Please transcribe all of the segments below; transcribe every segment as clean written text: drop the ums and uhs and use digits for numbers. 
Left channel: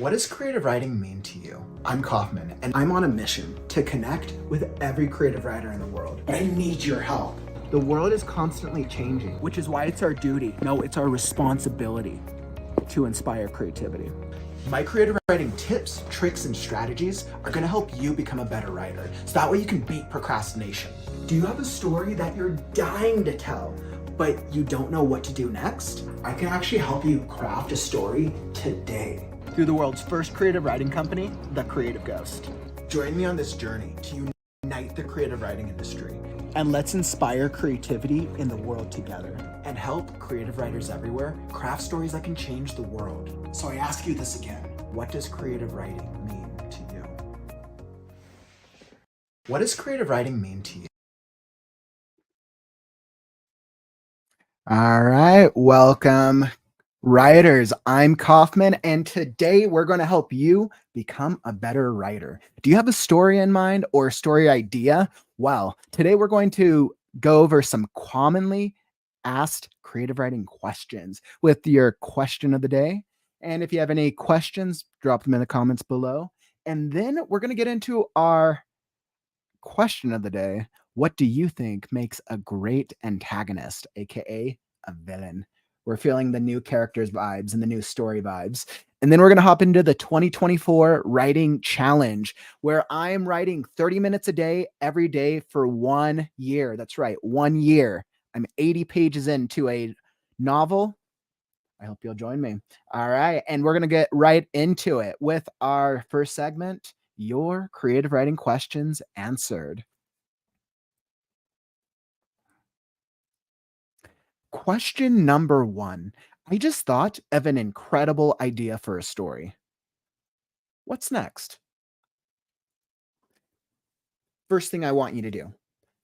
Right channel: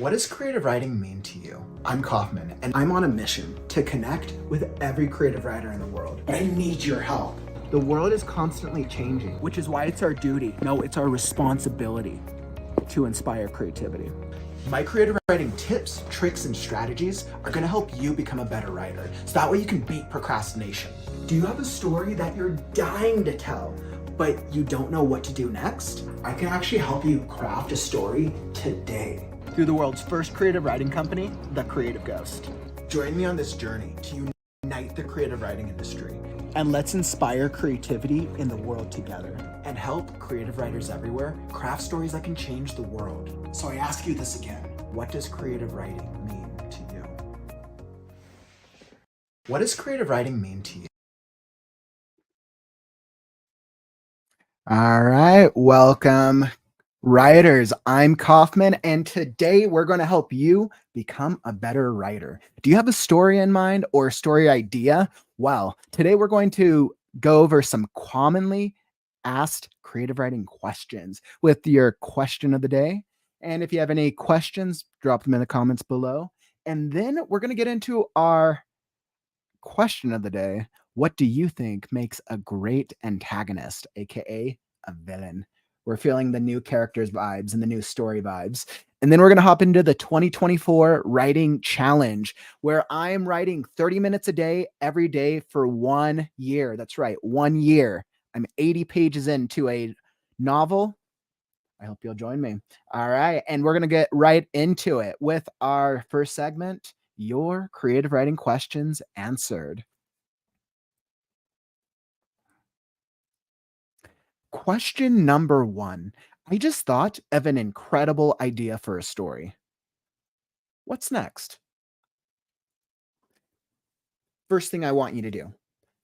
What does creative writing mean to you? I'm Kauffman, and I'm on a mission to connect with every creative writer in the world. But I need your help. The world is constantly changing, which is why it's our duty, no, it's our responsibility to inspire creativity. My creative writing tips, tricks, and strategies are gonna help you become a better writer, so that way you can beat procrastination. Do you have a story that you're dying to tell, but you don't know what to do next? I can actually help you craft a story today through the world's first creative writing company, The Creative Ghost. Join me on this journey to unite the creative writing industry. And let's inspire creativity in the world together and help creative writers everywhere craft stories that can change the world. So I ask you this again. What does creative writing mean to you? What does creative writing mean to you? All right, welcome writers. I'm Kauffman, and today we're going to help you become a better writer. Do you have a story in mind or a story idea? Well, today we're going to go over some commonly asked creative writing questions with your question of the day. And if you have any questions, drop them in the comments below. And then we're going to get into our question of the day. What do you think makes a great antagonist, aka a villain? We're feeling the new characters vibes and the new story vibes. And then we're going to hop into the 2024 writing challenge, where I am writing 30 minutes a day, every day for 1 year. That's right, 1 year. I'm 80 pages into a novel. I hope you'll join me. All right. And we're going to get right into it with our first segment, Your Creative Writing Questions Answered. Question number 1. I just thought of an incredible idea for a story. What's next? First thing I want you to do,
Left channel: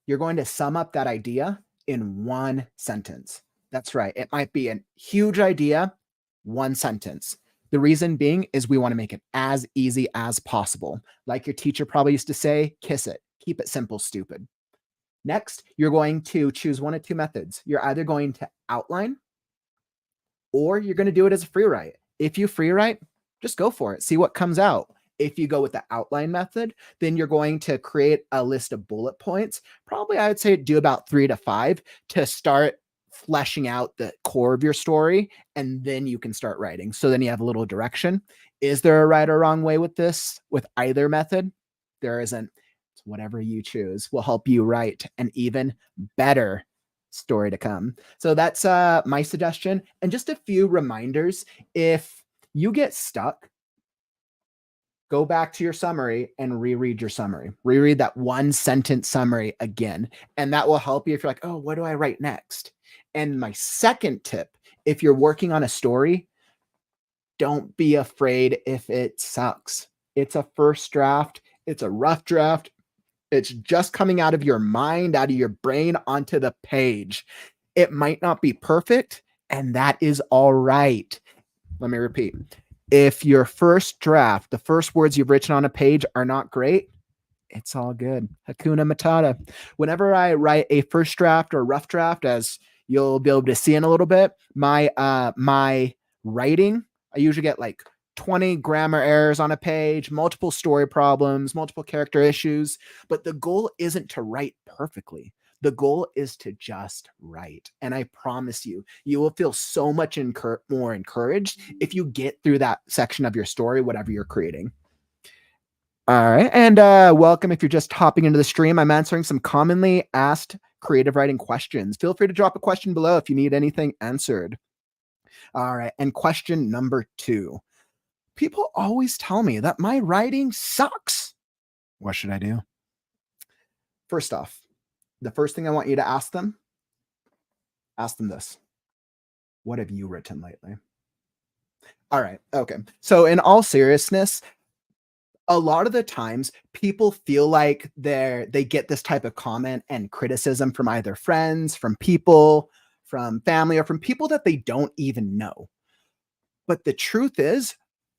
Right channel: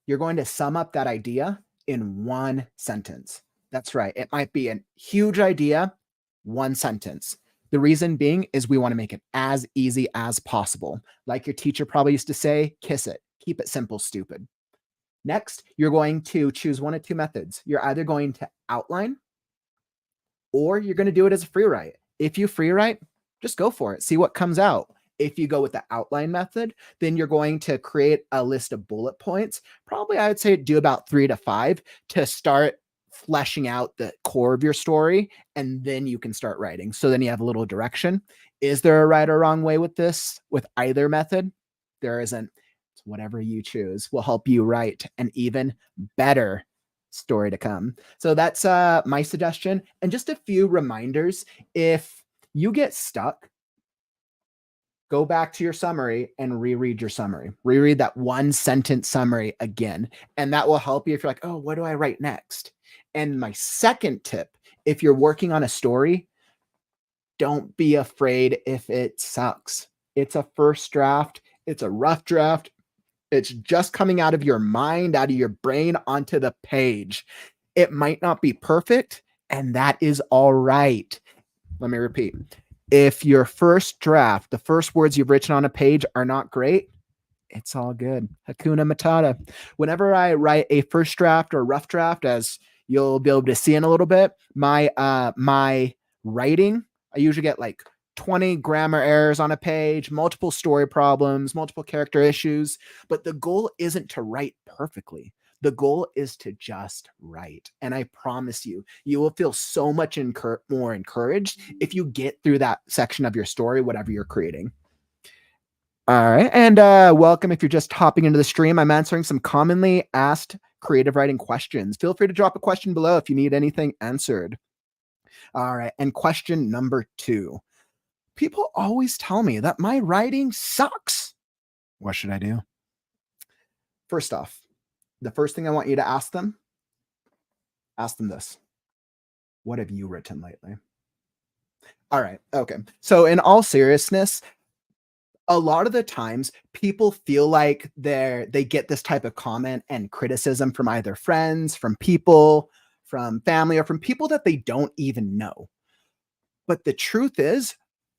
you're going to sum up that idea in 1 sentence. That's right. It might be a huge idea, 1 sentence. The reason being is we want to make it as easy as possible. Like your teacher probably used to say, kiss it. Keep it simple, stupid. Next, you're going to choose 1 of 2 methods. You're either going to outline or you're going to do it as a free write. If you free write, just go for it. See what comes out. If you go with the outline method, then you're going to create a list of bullet points. Probably, I would say do about 3 to 5 to start fleshing out the core of your story, and then you can start writing. So then you have a little direction. Is there a right or wrong way with this, with either method? There isn't. Whatever you choose will help you write an even better story to come. So that's my suggestion. And just a few reminders. If you get stuck, go back to your summary and reread your summary. Reread that 1 sentence summary again. And that will help you if you're like, oh, what do I write next? And my second tip, if you're working on a story, don't be afraid if it sucks. It's a first draft. It's a rough draft. It's just coming out of your mind, out of your brain onto the page. It might not be perfect, and that is all right. Let me repeat. If your first draft, the first words you've written on a page are not great, it's all good. Hakuna Matata. Whenever I write a first draft or rough draft, as you'll be able to see in a little bit, my writing, I usually get like 20 grammar errors on a page, multiple story problems, multiple character issues. But the goal isn't to write perfectly. The goal is to just write. And I promise you, you will feel so much more encouraged if you get through that section of your story, whatever you're creating. All right. And welcome if you're just hopping into the stream. I'm answering some commonly asked creative writing questions. Feel free to drop a question below if you need anything answered. All right. And question number 2. People always tell me that my writing sucks. What should I do? First off, the first thing I want you to ask them this. What have you written lately? All right. Okay. So in all seriousness, a lot of the times people feel like they get this type of comment and criticism from either friends, from people, from family, or from people that they don't even know. But the truth is,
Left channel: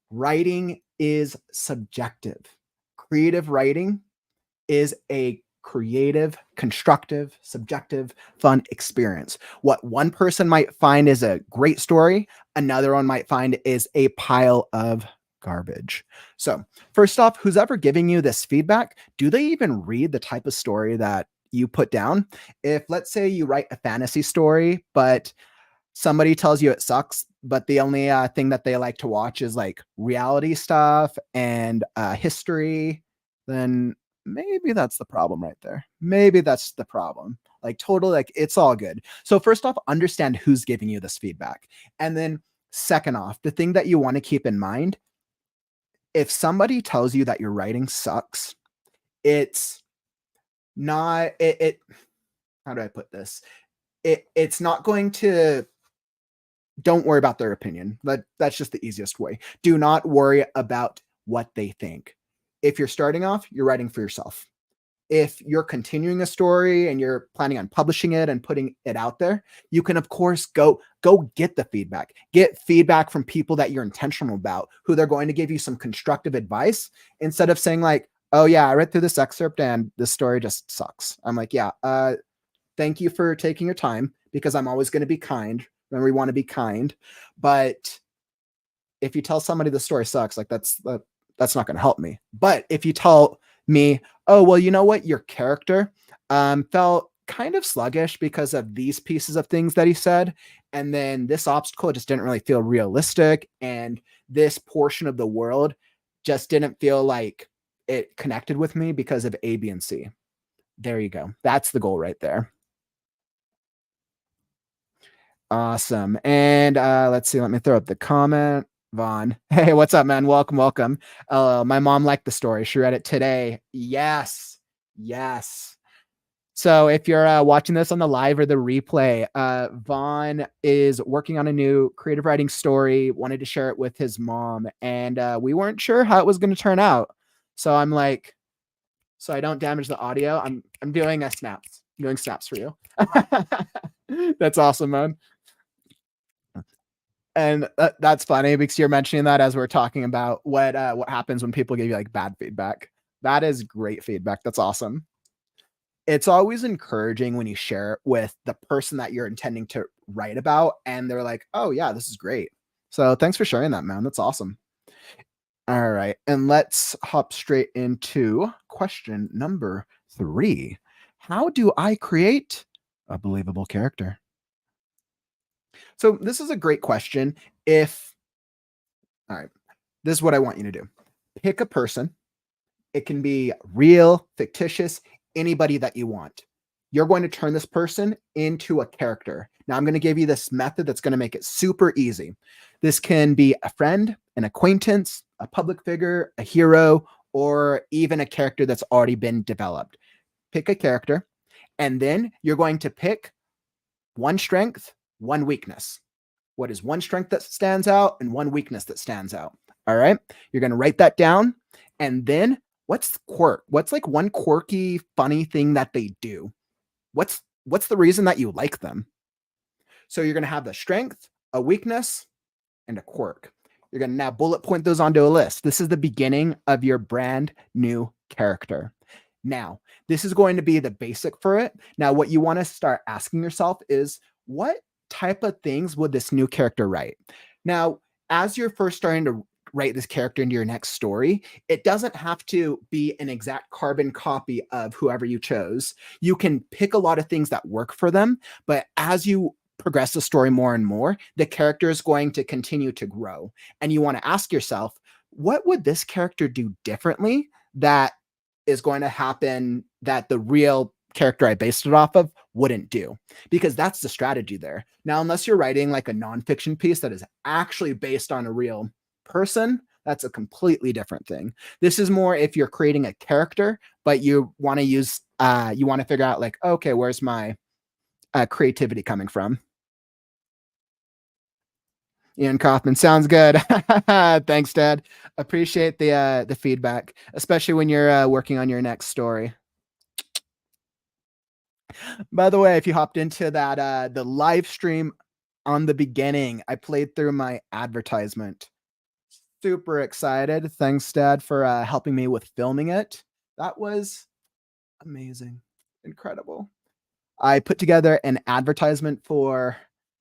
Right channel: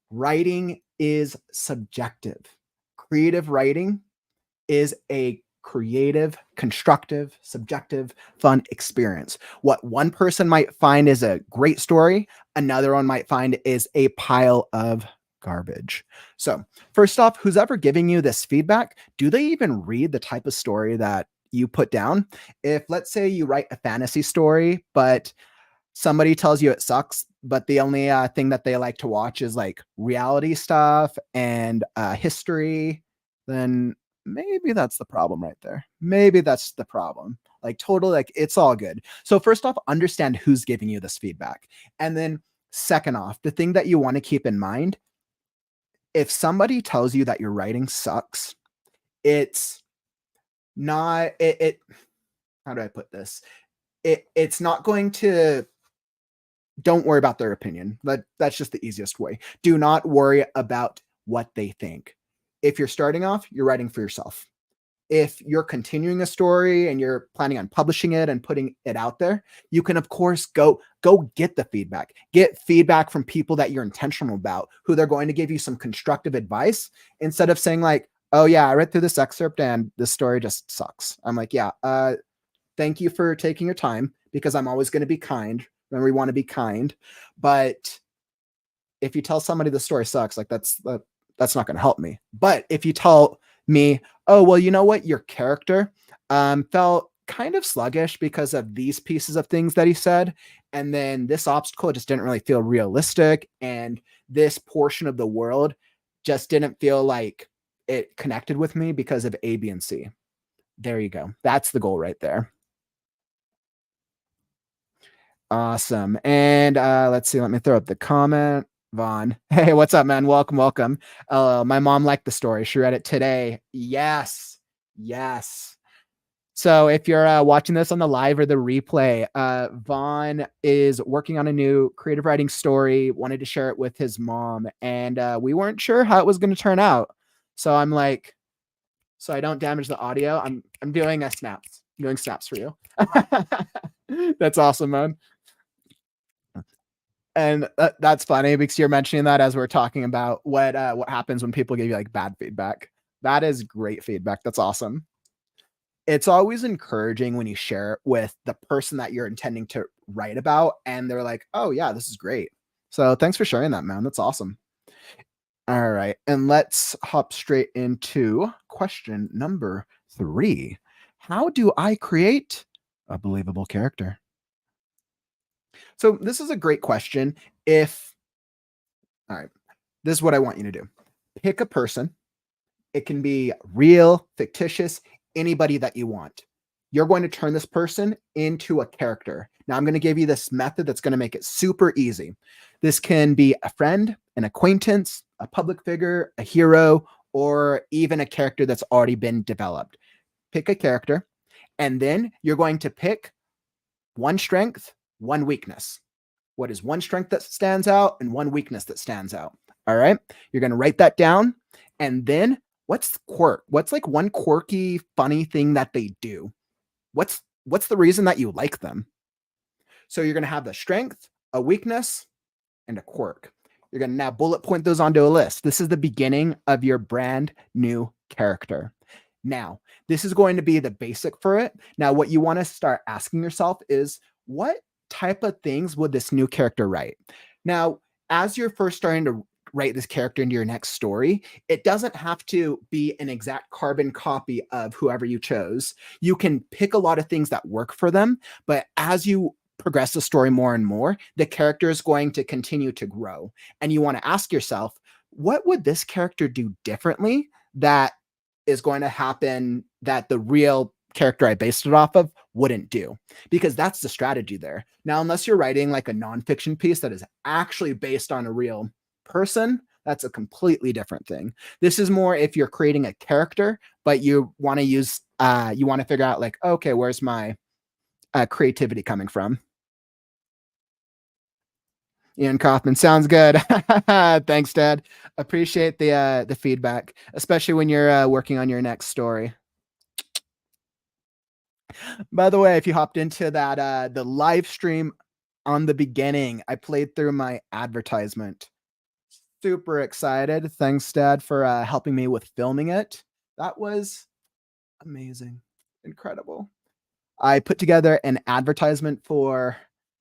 writing is subjective. Creative writing is a creative, constructive, subjective, fun experience. What one person might find is a great story, another one might find is a pile of garbage. So, first off, who's ever giving you this feedback, do they even read the type of story that you put down? If, let's say, you write a fantasy story, but somebody tells you it sucks, but the only thing that they like to watch is like reality stuff and history, then maybe that's the problem right there. Maybe that's the problem. Like, totally, like, it's all good. So, first off, understand who's giving you this feedback. And then, second off, the thing that you want to keep in mind, if somebody tells you that your writing sucks, it's not, how do I put this? It's not going to, don't worry about their opinion. That's just the easiest way. Do not worry about what they think. If you're starting off, you're writing for yourself. If you're continuing a story and you're planning on publishing it and putting it out there, you can of course go get the feedback. Get feedback from people that you're intentional about, who they're going to give you some constructive advice instead of saying like, "Oh yeah, I read through this excerpt and this story just sucks." I'm like, "Yeah, thank you for taking your time because I'm always going to be kind. Remember, we want to be kind, but if you tell somebody the story sucks, like that's not going to help me. But if you tell me, oh well, you know what, your character felt kind of sluggish because of these pieces of things that he said, and then this obstacle just didn't really feel realistic, and this portion of the world just didn't feel like it connected with me because of A, B, and C. There you go. That's the goal right there. Awesome. And let's see, let me throw up the comment. Vaughn. Hey, what's up, man? Welcome, welcome. My mom liked the story. She read it today. Yes. Yes. So if you're watching this on the live or the replay, Vaughn is working on a new creative writing story, wanted to share it with his mom, and we weren't sure how it was going to turn out. So I'm like, so I don't damage the audio, I'm doing a snaps. I'm doing snaps for you. That's awesome, man. And that's funny because you're mentioning that as we're talking about what happens when people give you like bad feedback. That is great feedback. That's awesome. It's always encouraging when you share it with the person that you're intending to write about, and they're like, "Oh yeah, this is great." So thanks for sharing that, man. That's awesome. All right, and let's hop straight into question number 3. How do I create a believable character? So this is a great question. If All right, this is what I want you to do. Pick a person. It can be real, fictitious, anybody that you want. You're going to turn this person into a character. Now, I'm going to give you this method that's going to make it super easy. This can be a friend, an acquaintance, a public figure, a hero, or even a character that's already been developed. Pick a character, and then you're going to pick one strength, one weakness. What is one strength that stands out and one weakness that stands out? All right. You're going to write that down. And then what's quirk? What's like one quirky, funny thing that they do? What's the reason that you like them? So you're going to have the strength, a weakness, and a quirk. You're going to now bullet point those onto a list. This is the beginning of your brand new character. Now, this is going to be the basic for it. Now, what you want to start asking yourself is, what type of things would this new character write? Now, as you're first starting to write this character into your next story, it doesn't have to be an exact carbon copy of whoever you chose. You can pick a lot of things that work for them, but as you progress the story more and more, the character is going to continue to grow. And you want to ask yourself, what would this character do differently that is going to happen that the real character I based it off of wouldn't do? Because that's the strategy there. Now, unless you're writing like a nonfiction piece that is actually based on a real person, that's a completely different thing. This is more if you're creating a character, but you want to use, you want to figure out like, okay, where's my creativity coming from? Ian Kauffman, sounds good. Thanks, Dad. Appreciate the feedback, especially when you're working on your next story. By the way, if you hopped into that the live stream on the beginning, I played through my advertisement. Super excited. Thanks, Dad, for helping me with filming it. That was amazing. Incredible. I put together an advertisement for,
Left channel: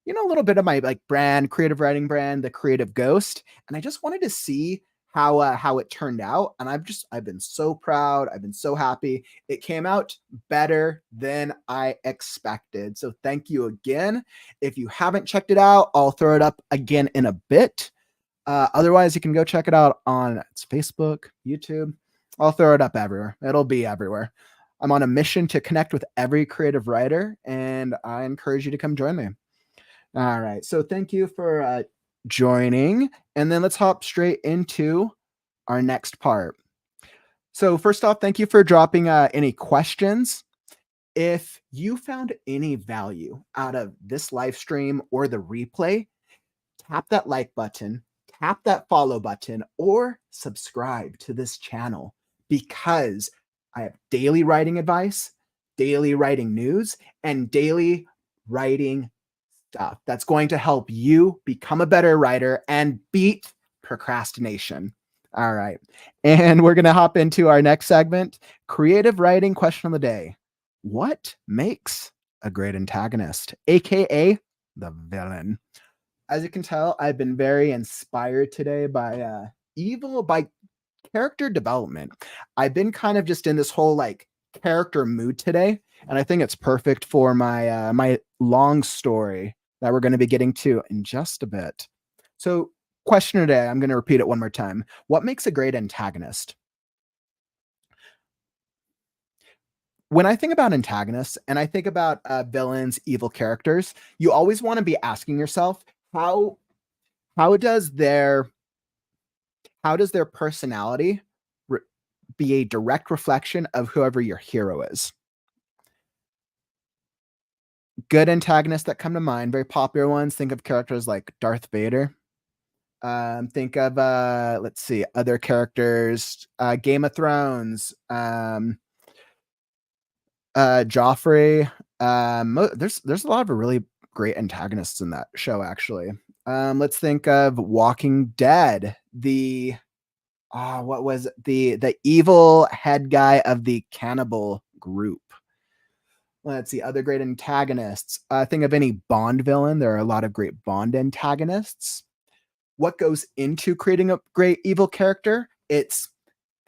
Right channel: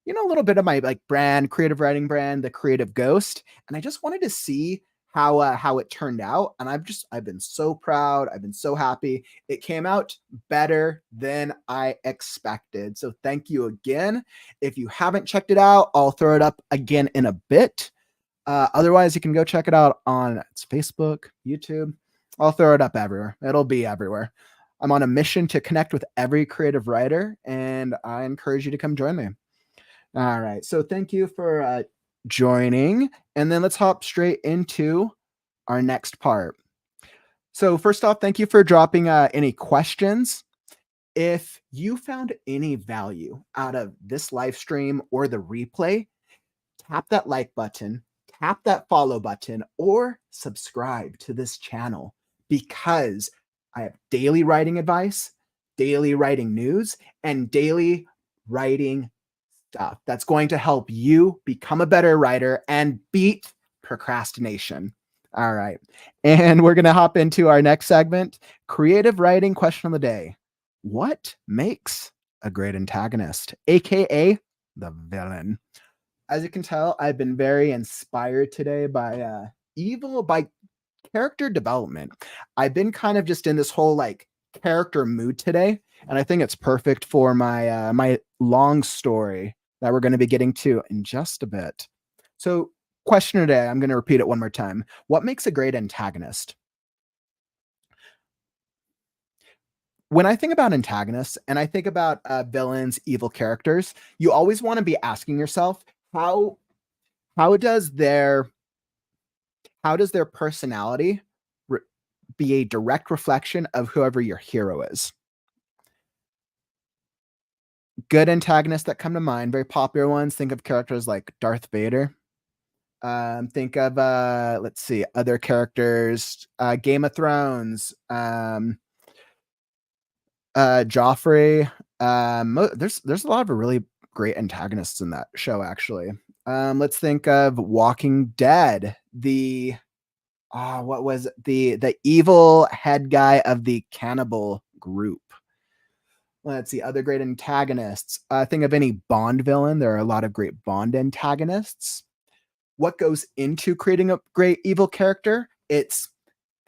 a little bit of my like brand, creative writing brand, the Creative Ghost, and I just wanted to see how it turned out, and I've been so proud. I've been so happy. It came out better than I expected. So thank you again. If you haven't checked it out, I'll throw it up again in a bit. Otherwise, you can go check it out on Facebook, YouTube. I'll throw it up everywhere. It'll be everywhere. I'm on a mission to connect with every creative writer, and I encourage you to come join me. All right. So thank you for joining. And then let's hop straight into our next part. So first off, thank you for dropping any questions. If you found any value out of this live stream or the replay, tap that like button, tap that follow button, or subscribe to this channel, because I have daily writing advice, daily writing news, and daily writing stuff that's going to help you become a better writer and beat procrastination. All right. And we're going to hop into our next segment, creative writing question of the day. What makes a great antagonist, aka the villain? As you can tell, I've been very inspired today by character development. I've been kind of just in this whole like character mood today, and I think it's perfect for my my long story that we're going to be getting to in just a bit. So, question today, I'm going to repeat it one more time. What makes a great antagonist? When I think about antagonists and I think about villains, evil characters, you always want to be asking yourself, how how does their personality be a direct reflection of whoever your hero is? Good antagonists that come to mind, very popular ones. Think of characters like Darth Vader. Think of let's see, other characters. Game of Thrones. Joffrey. There's a lot of really great antagonists in that show, actually. Let's think of Walking Dead. What was it? The evil head guy of the cannibal group. Let's see, other great antagonists. Think of any Bond villain. There are a lot of great Bond antagonists. What goes into creating a great evil character? It's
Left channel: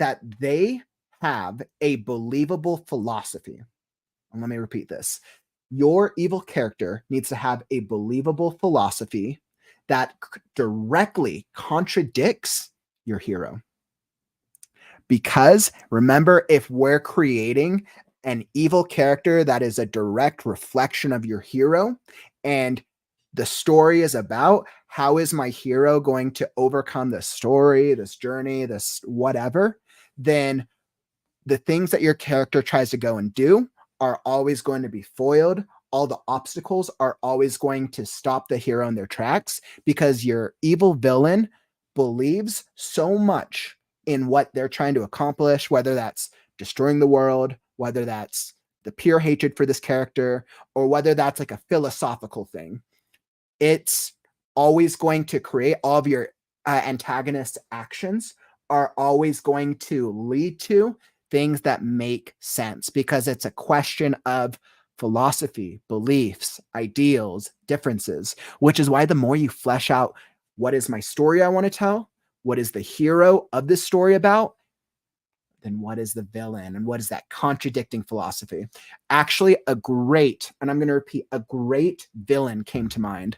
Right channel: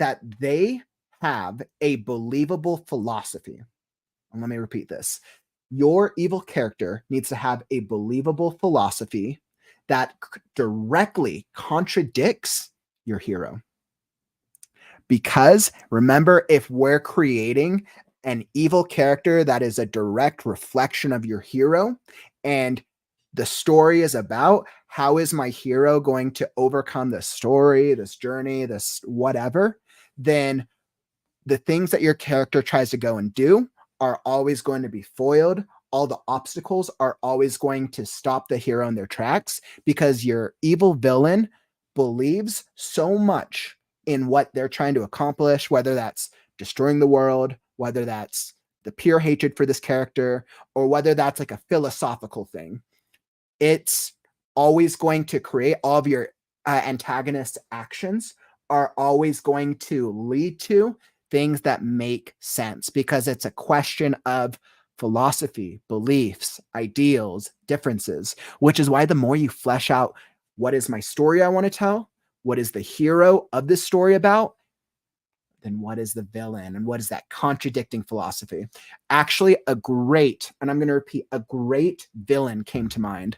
that they have a believable philosophy. And let me repeat this. Your evil character needs to have a believable philosophy that directly contradicts your hero. Because remember, if we're creating an evil character that is a direct reflection of your hero, and the story is about how is my hero going to overcome this story, this journey, this whatever, then the things that your character tries to go and do are always going to be foiled. All the obstacles are always going to stop the hero in their tracks, because your evil villain believes so much in what they're trying to accomplish, whether that's destroying the world, whether that's the pure hatred for this character, or whether that's like a philosophical thing. It's always going to create all of your antagonist actions are always going to lead to things that make sense, because it's a question of philosophy, beliefs, ideals, differences, which is why the more you flesh out what is my story I want to tell, what is the hero of this story about, then what is the villain and what is that contradicting philosophy? Actually, and I'm going to repeat, a great villain came to mind.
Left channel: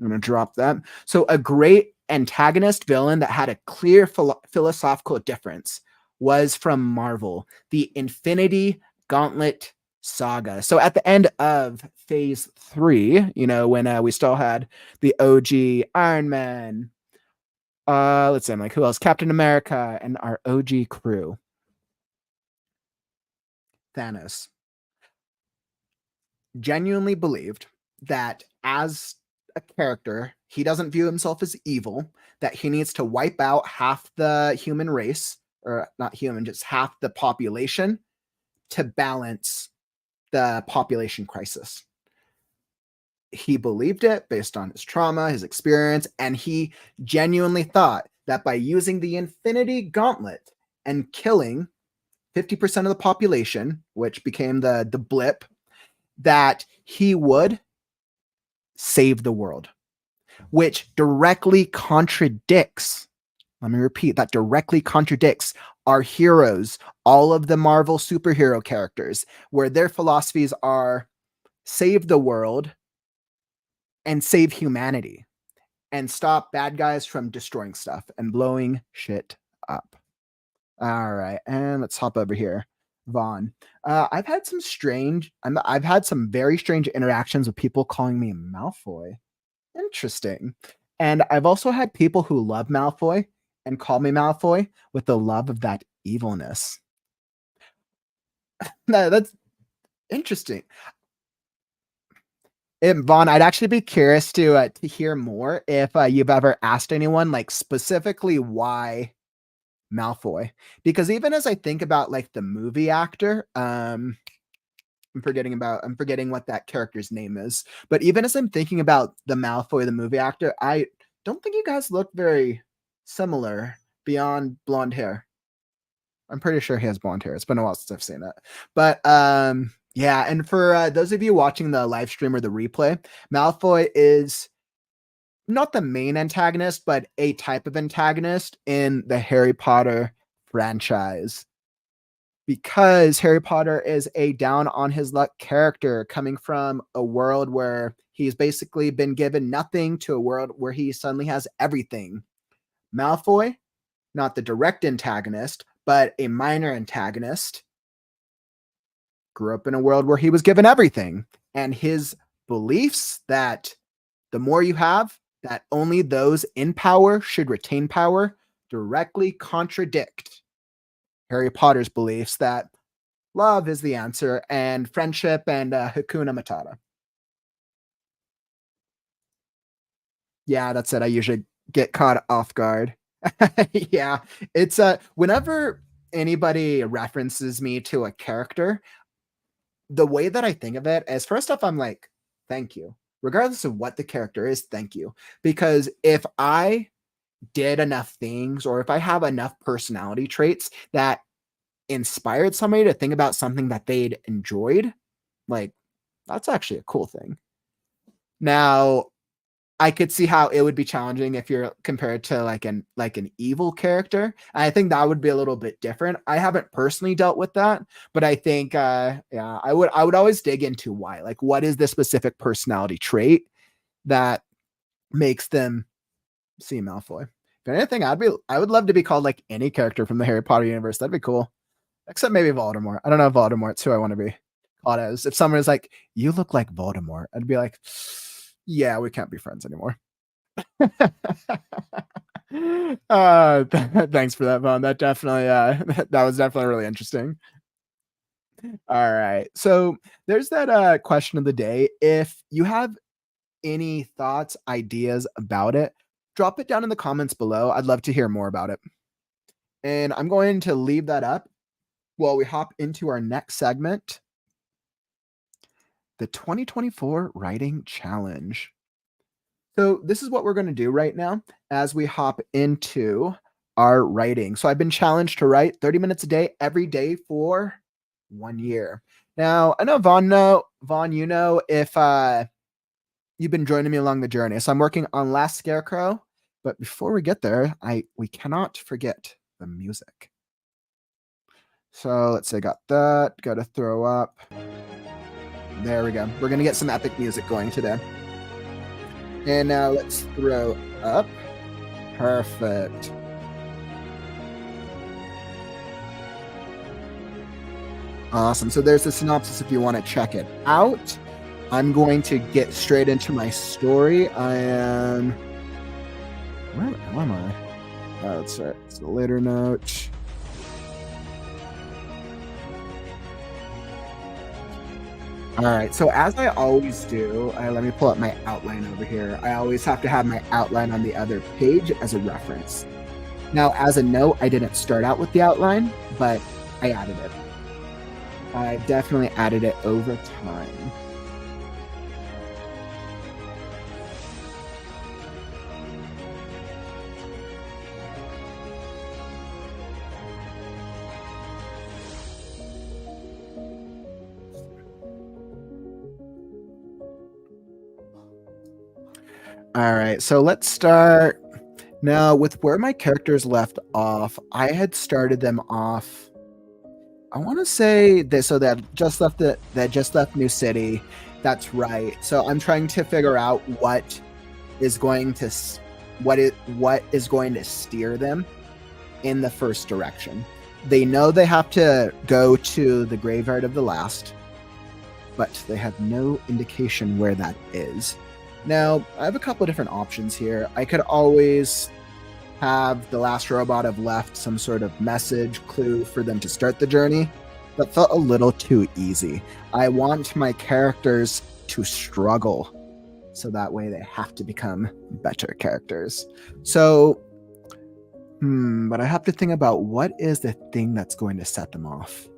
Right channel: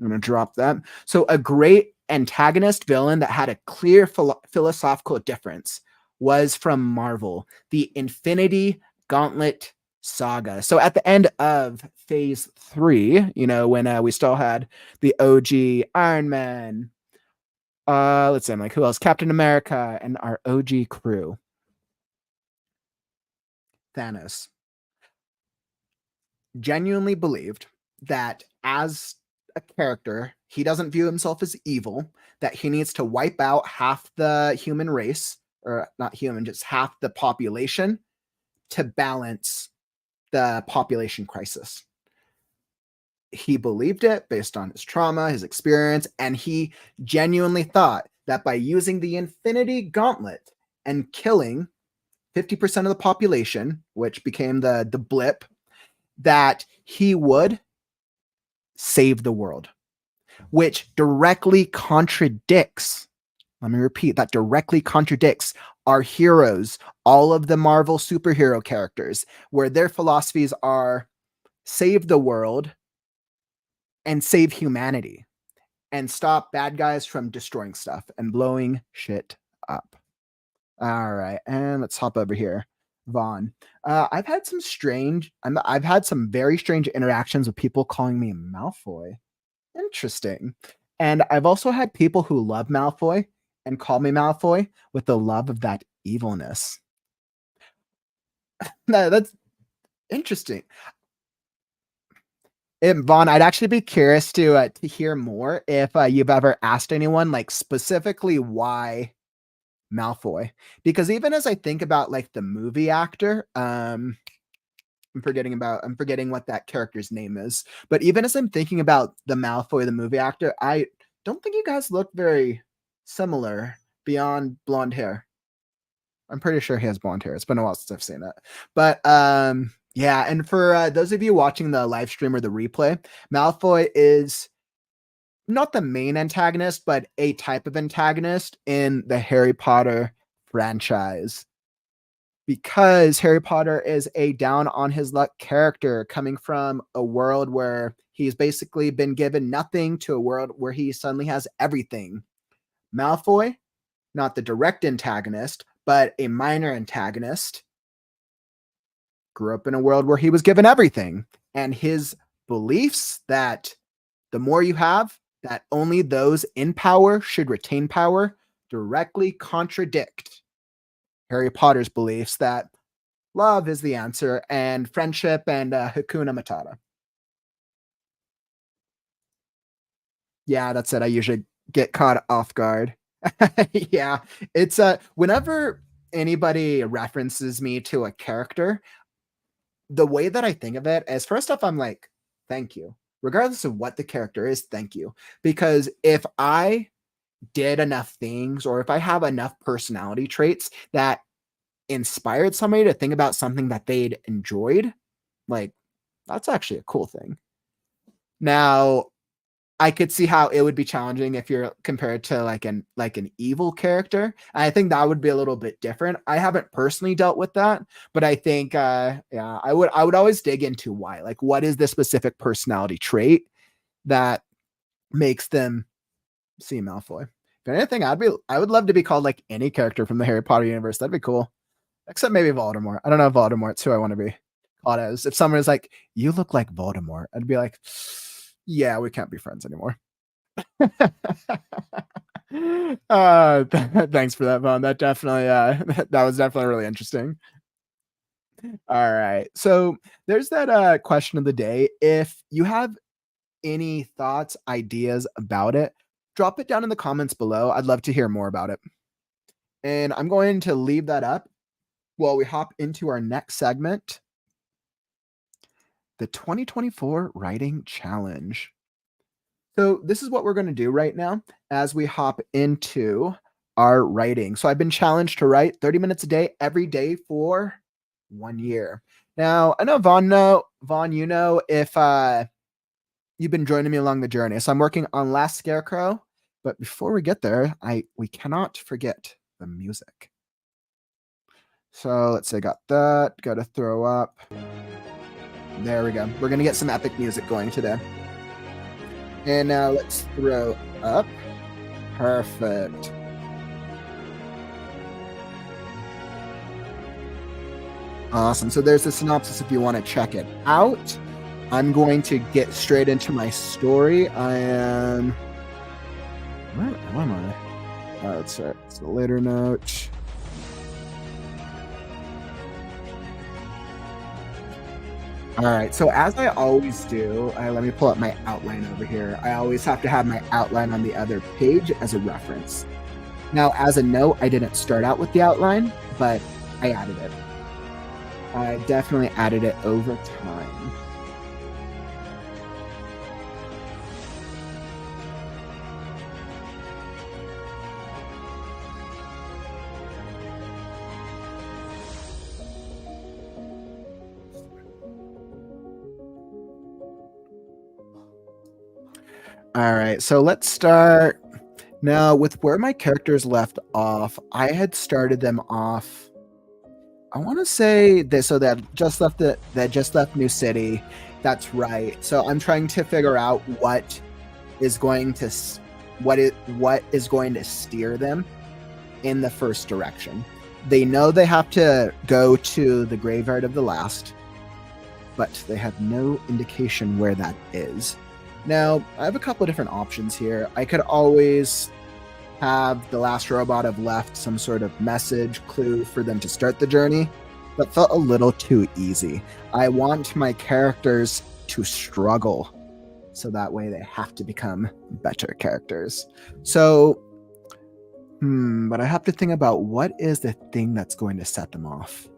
I'm going to drop that. So a great antagonist villain that had a clear philosophical difference was from Marvel, the Infinity Gauntlet saga. So at the end of phase 3, when we still had the OG Iron Man, let's see, I'm like, who else? Captain America and our OG crew. Thanos genuinely believed that as a character, he doesn't view himself as evil, that he needs to wipe out half the human race, or not human, just half the population to balance the population crisis. He believed it based on his trauma, his experience, and he genuinely thought that by using the Infinity Gauntlet and killing 50% of the population, which became the blip, that he would save the world, which directly contradicts let me repeat, that directly contradicts our heroes, all of the Marvel superhero characters, where their philosophies are save the world and save humanity and stop bad guys from destroying stuff and blowing shit up. All right, and let's hop over here. Vaughn. I've had I've had some very strange interactions with people calling me Malfoy. Interesting. And I've also had people who love Malfoy and call me Malfoy with the love of that evilness. That's interesting. Vaughn, I'd actually be curious to hear more if you've ever asked anyone, like, specifically why Malfoy, because even as I think about like the movie actor, I'm forgetting what that character's name is. But even as I'm thinking about the Malfoy, the movie actor, I don't think you guys look very similar beyond blonde hair. I'm pretty sure he has blonde hair. It's been a while since I've seen it. But yeah, and for those of you watching the live stream or the replay, Malfoy is not the main antagonist, but a type of antagonist in the Harry Potter franchise. Because Harry Potter is a down on his luck character coming from a world where he's basically been given nothing to a world where he suddenly has everything. Malfoy, not the direct antagonist, but a minor antagonist, grew up in a world where he was given everything. And his beliefs that the more you have, that only those in power should retain power, directly contradict Harry Potter's beliefs that love is the answer and friendship and Hakuna Matata. Yeah, that's it. I usually get caught off guard. Yeah, it's whenever anybody references me to a character, the way that I think of it is first off, I'm like, thank you. Regardless of what the character is, thank you. Because if I did enough things or if I have enough personality traits that inspired somebody to think about something that they'd enjoyed, like, that's actually a cool thing. Now, I could see how it would be challenging if you're compared to like an evil character. I think that would be a little bit different. I haven't personally dealt with that, but I think yeah, I would always dig into why. Like, what is the specific personality trait that makes them see Malfoy? If anything, I would love to be called like any character from the Harry Potter universe. That'd be cool. Except maybe Voldemort. I don't know if Voldemort's who I want to be called as. If someone is like, you look like Voldemort, I'd be like, yeah, we can't be friends anymore. Thanks for that, Vaughn. That definitely that was definitely really interesting. All right. So there's that question of the day. If you have any thoughts, ideas about it, drop it down in the comments below. I'd love to hear more about it. And I'm going to leave that up while we hop into our next segment, the 2024 Writing Challenge. So this is what we're going to do right now as we hop into our writing. So I've been challenged to write 30 minutes a day, every day for 1 year. Now, I know Vaughn, you know, if you've been joining me along the journey. So I'm working on Last Scarecrow, but before we get there, we cannot forget the music. So let's say I got that, got to throw up. There we go. We're going to get some epic music going today. And now let's throw up. Perfect. Awesome. So there's the synopsis if you want to check it out. I'm going to get straight into my story. Where am I? Let's start. It's a later note. All right, so as I always do, let me pull up my outline over here. I always have to have my outline on the other page as a reference. Now, as a note, I didn't start out with the outline, but I added it. I definitely added it over time. All right, so let's start Now, with where my characters left off, I had started them off. I want to say that so that just left New City. That's right. So I'm trying to figure out what is going to what is going to steer them in the first direction. They know they have to go to the graveyard of the last, but they have no indication where that is. Now, I have a couple of different options here. I could always have the last robot have left some sort of message clue for them to start the journey. That felt a little too easy. I want my characters to struggle, so that way they have to become better characters. So, but I have to think about what is the thing that's going to set them off.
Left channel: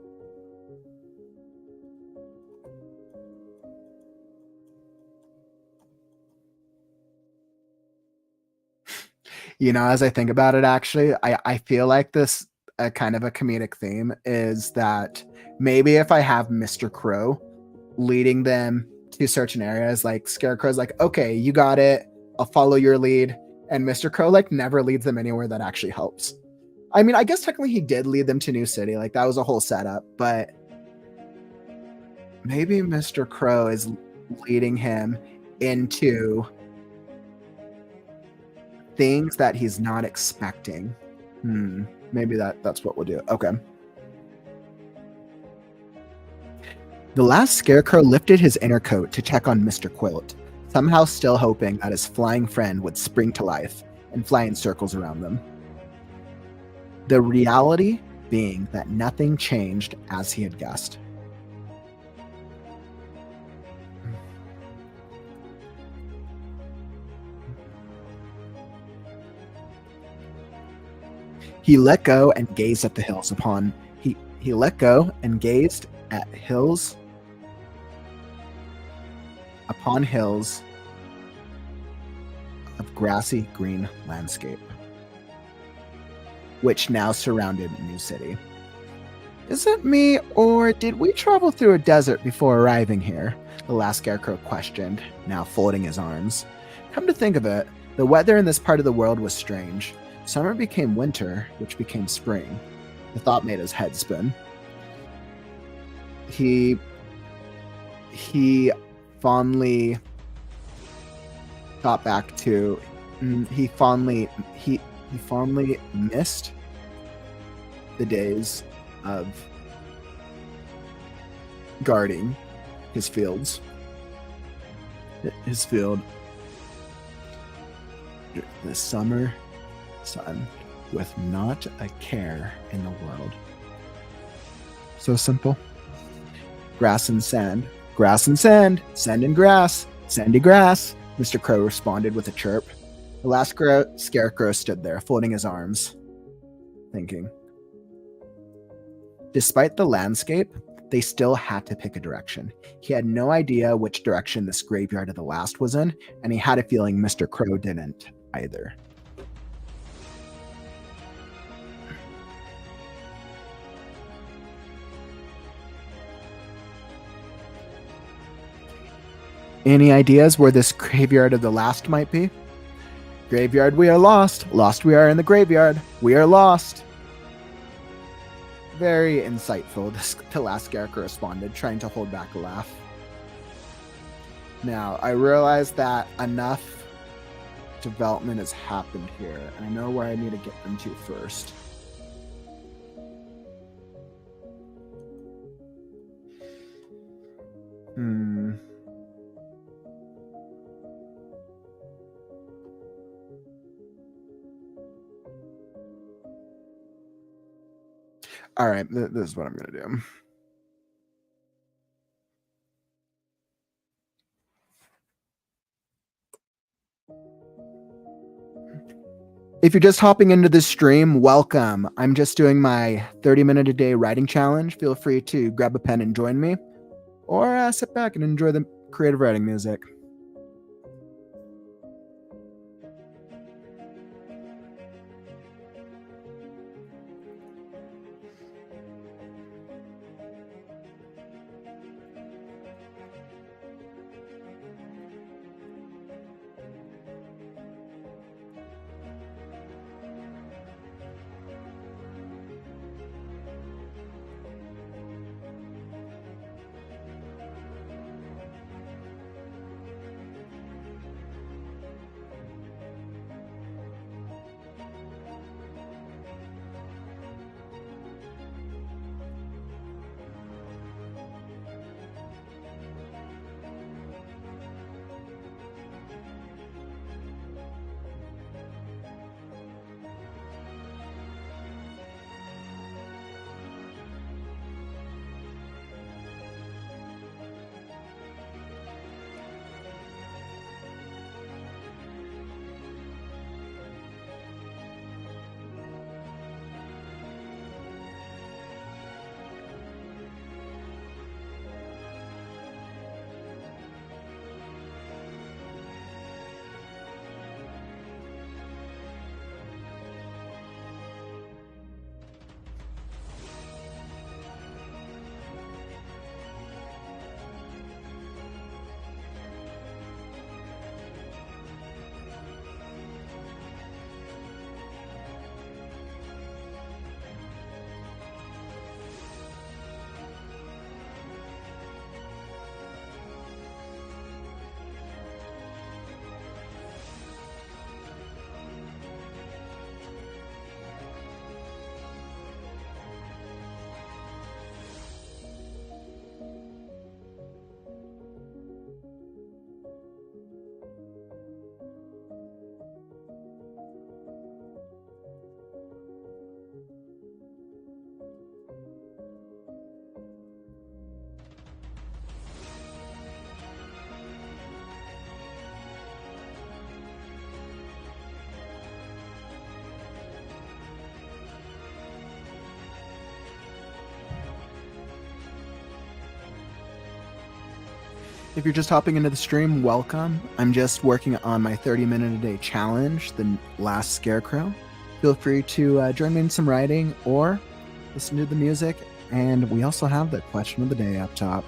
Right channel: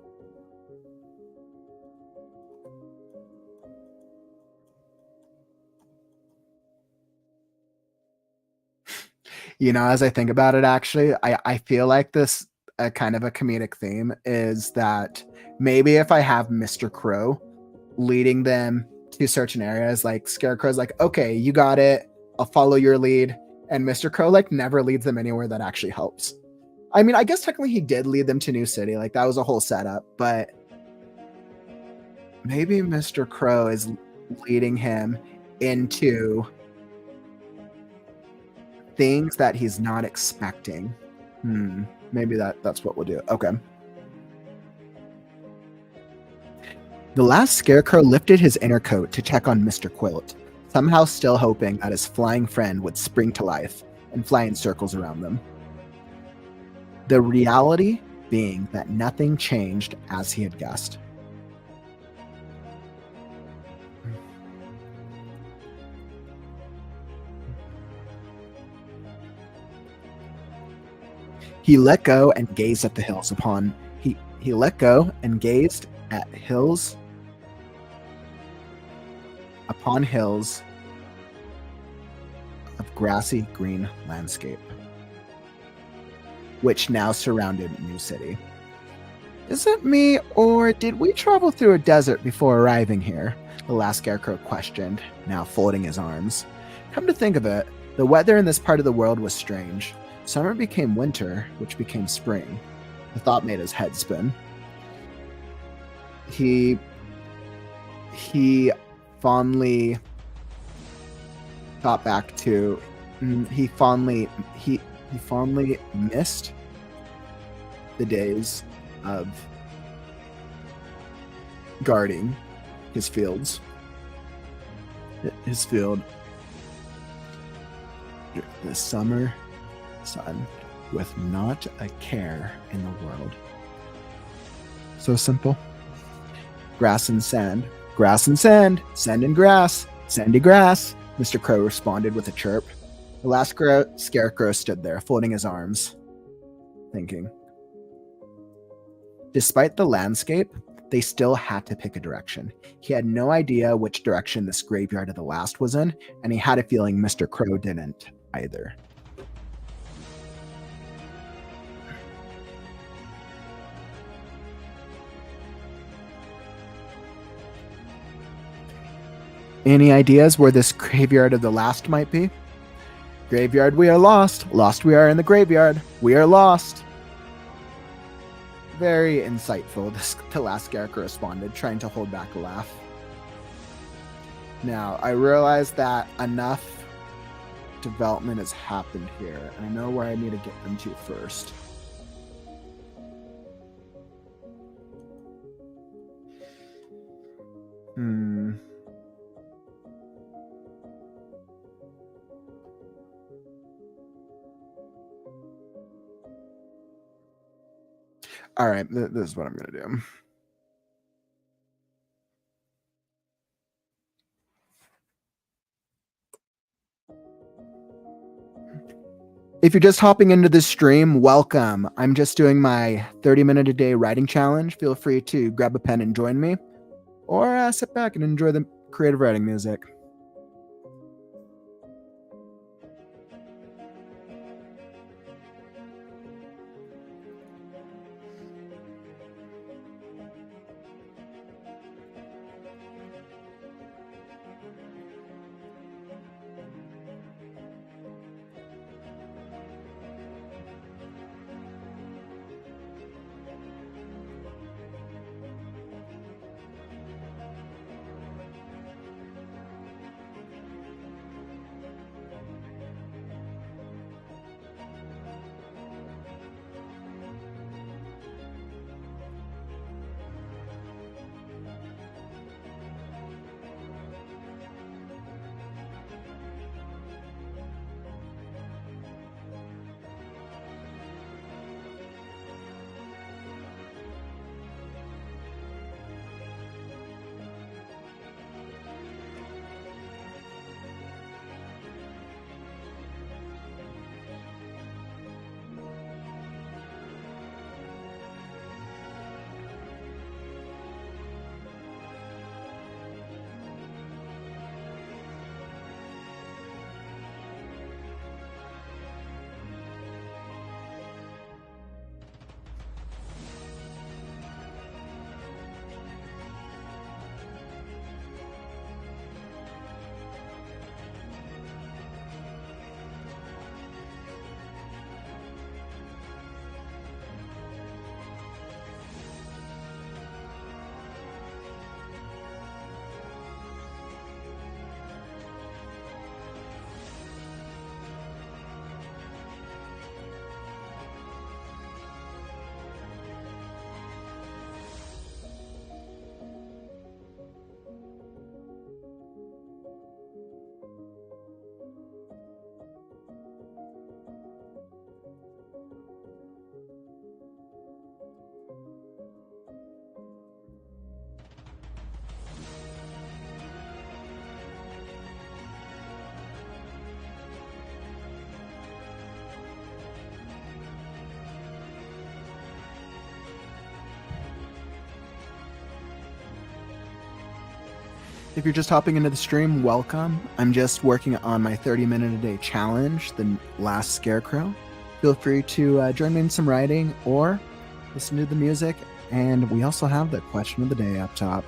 As I think about it, actually, I feel like this kind of a comedic theme is that maybe if I have Mr. Crow leading them to certain areas, like Scarecrow's like, okay, you got it, I'll follow your lead, and Mr. Crow like never leads them anywhere that actually helps. I mean, I guess technically he did lead them to New City, like that was a whole setup, but maybe Mr. Crow is leading him into things that he's not expecting. Maybe that's what we'll do. Okay. The last Scarecrow lifted his inner coat to check on Mr. Quilt, somehow still hoping that his flying friend would spring to life and fly in circles around them. The reality being that nothing changed as he had guessed. He let go and gazed at the hills upon he let go and gazed at hills upon hills of grassy green landscape, which now surrounded New City. Is it me, or did we travel through a desert before arriving here? The last Scarecrow questioned, now folding his arms. Come to think of it, the weather in this part of the world was strange. Summer became winter, which became spring. The thought made his head spin. He fondly thought back to he fondly missed the days of guarding his field, the summer sun, with not a care in the world. So simple. Grass and sand, sand and grass, sandy grass, Mr. Crow responded with a chirp. The last Scarecrow stood there, folding his arms, thinking. Despite the landscape, they still had to pick a direction. He had no idea which direction this graveyard of the last was in, and he had a feeling Mr. Crow didn't either. Any ideas where this graveyard of the last might be? Graveyard, we are lost. Lost, we are in the graveyard. We are lost. Very insightful, the last Scarecrow responded, trying to hold back a laugh. Now, I realize that enough development has happened here, and I know where I need to get them to first. All right, this is what I'm going to do. If you're just hopping into this stream, welcome. I'm just doing my 30-minute a day writing challenge. Feel free to grab a pen and join me, or sit back and enjoy the creative writing music. If you're just hopping into the stream, welcome. I'm just working on my 30-minute-a-day challenge, the last scarecrow. Feel free to join me in some writing or listen to the music. And we also have the question of the day up top.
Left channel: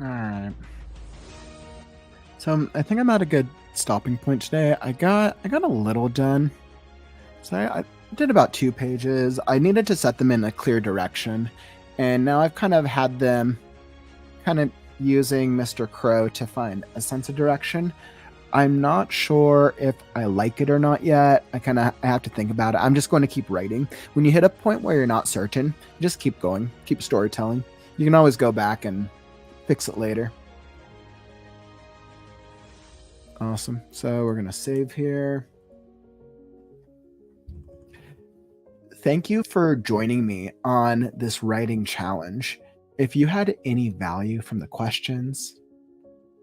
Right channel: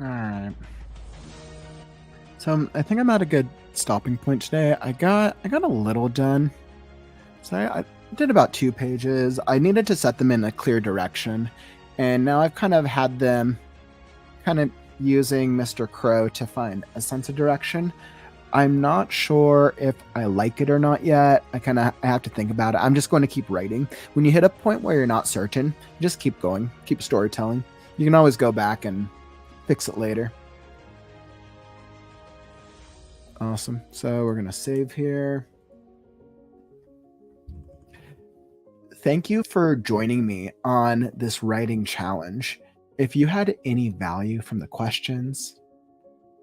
All right. So I think I'm at a good stopping point today. I got a little done. So I did about 2 pages. I needed to set them in a clear direction, and now I've kind of had them kind of using Mr. Crow to find a sense of direction. I'm not sure if I like it or not yet. I have to think about it. I'm just going to keep writing. When you hit a point where you're not certain, just keep going, keep storytelling. You can always go back and fix it later. Awesome. So we're going to save here. Thank you for joining me on this writing challenge. If you had any value from the questions,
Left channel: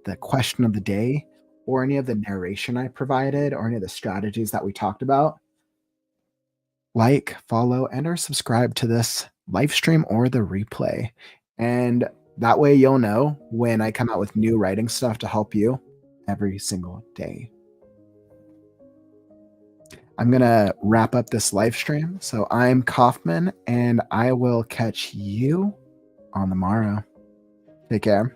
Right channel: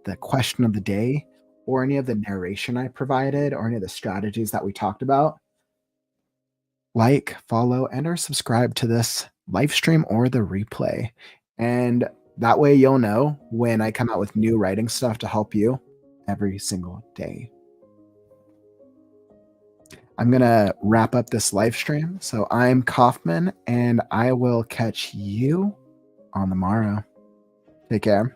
the question of the day, or any of the narration I provided, or any of the strategies that we talked about, like, follow, and or subscribe to this live stream or the replay. And that way you'll know when I come out with new writing stuff to help you every single day. I'm going to wrap up this live stream. So I'm Kauffman, and I will catch you on the morrow. Take care.